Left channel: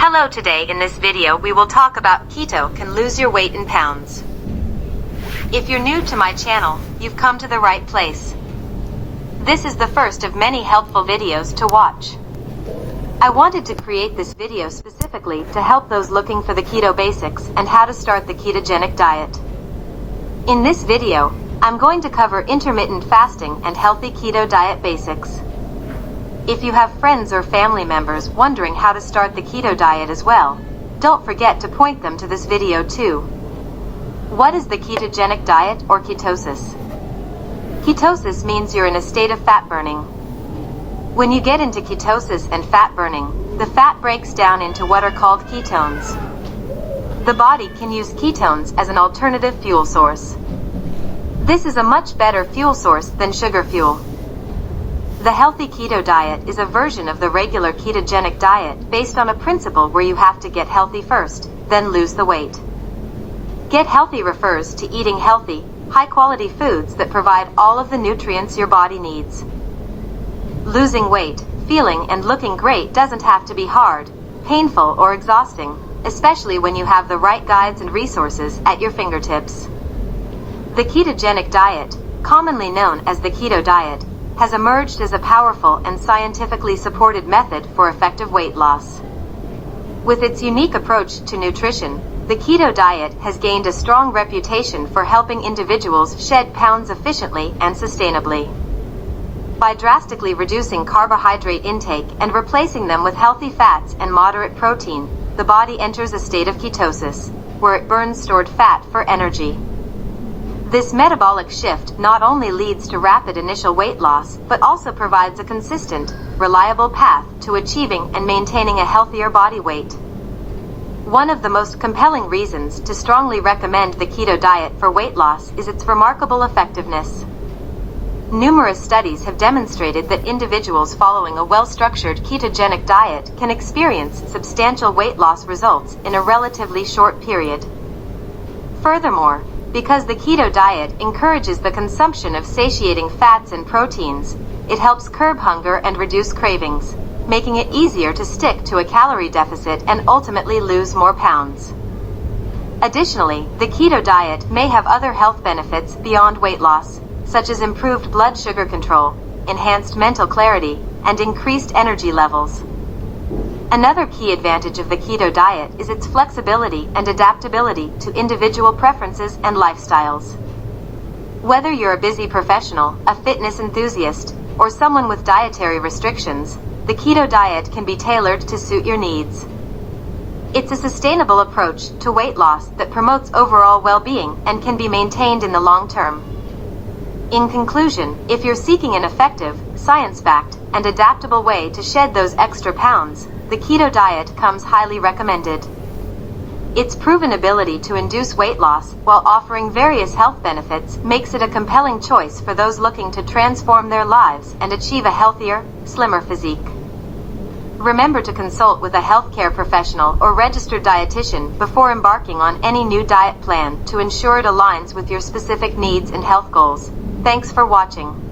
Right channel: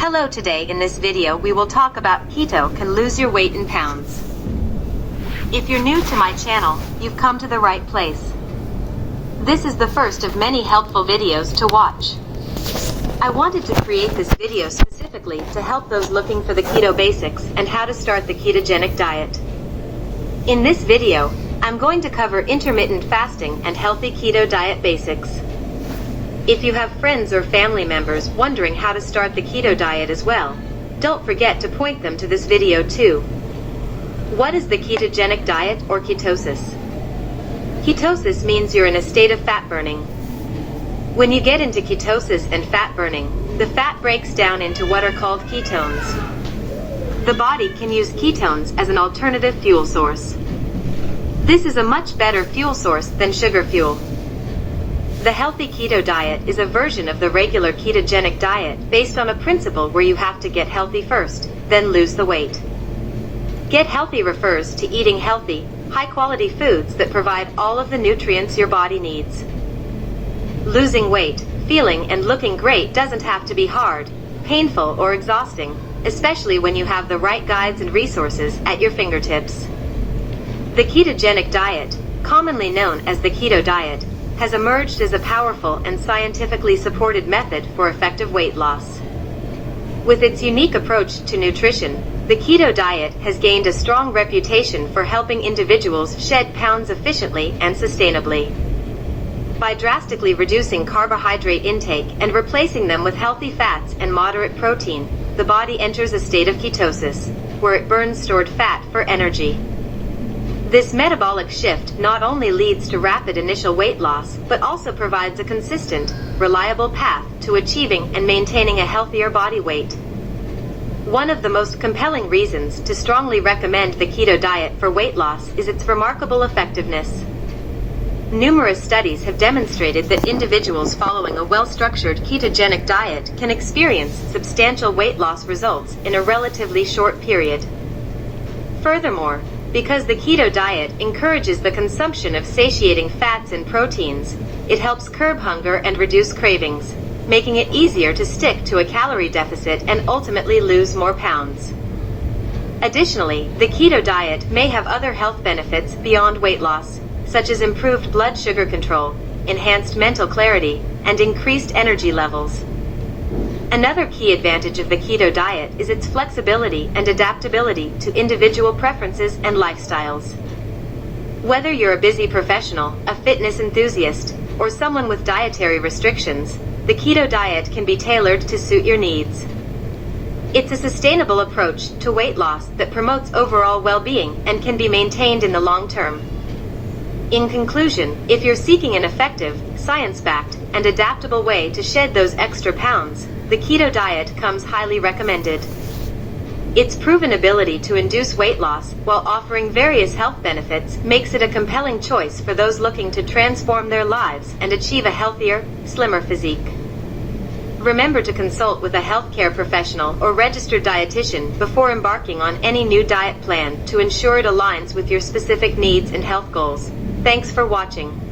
Hello, today in this video we will talk about keto can lose your weight in pounds. If you're new to my channel, you've come to the right place. This is the first of many helpful videos to watch. I wanted to create this video specifically to help those looking for the keto basics and how to start the ketogenic diet. In this video, I'm going to cover intermittent fasting and healthy keto diet basics. If you have friends or family members wondering how to start the keto diet as well, don't forget to point them to this video too. What is the ketogenic diet or ketosis? Ketosis means you're in a state of fat burning. When you get into ketosis and fat burning, the fat breaks down into what are called ketones. The body can use ketones as an alternative fuel source. This is a much better fuel source than sugar fuel. The healthy keto diet is a version of the regular ketogenic diet based on a principle where you have to get healthy first, then lose the weight. Get healthy refers to eating healthy, high-quality foods that provide all of the nutrients your body needs. Losing weight, feeling and looking great doesn't have to be hard, painful or exhausting, especially when you have the right guides and resources at your fingertips. The ketogenic diet, commonly known as the keto diet, has emerged as a powerful and scientifically supported method for effective weight loss. With its unique approach to nutrition, the keto diet has gained a strong reputation for helping individuals shed pounds efficiently and sustainably. By drastically reducing carbohydrate intake and replacing them with healthy fats and moderate protein, the body enters a state of ketosis, where it burns stored fat for energy. This metabolic shift not only leads to rapid initial weight loss, but also provides a consistent, reliable path to achieving and maintaining a healthier body weight. One of the most compelling reasons to strongly recommend the keto diet for weight loss is its remarkable effectiveness. Numerous studies have demonstrated that individuals following a well-structured ketogenic diet can experience substantial weight loss results in a relatively short period. Furthermore, because the keto diet encourages the consumption of satiating fats and proteins, it helps curb hunger and reduce cravings, making it easier to stick to a calorie deficit and ultimately lose more pounds. Additionally, the keto diet may have other health benefits beyond weight loss, such as improved blood sugar control, enhanced mental clarity, and increased energy levels. Another key advantage of the keto diet is its flexibility and adaptability to individual preferences and lifestyles. Whether you're a busy professional, a fitness enthusiast, or someone with dietary restrictions, the keto diet can be tailored to suit your needs. It's a sustainable approach to weight loss that promotes overall well-being and can be maintained in the long term. In conclusion, if you're seeking an effective, science-backed, and adaptable way to shed those extra pounds, the keto diet comes highly recommended. Its proven ability to induce weight loss while offering various health benefits makes it a compelling choice for those looking to transform their lives and achieve a healthier, slimmer physique. Remember to consult with a healthcare professional or registered dietitian before embarking on any new diet plan to ensure it aligns with your specific needs and health goals. Thanks for watching.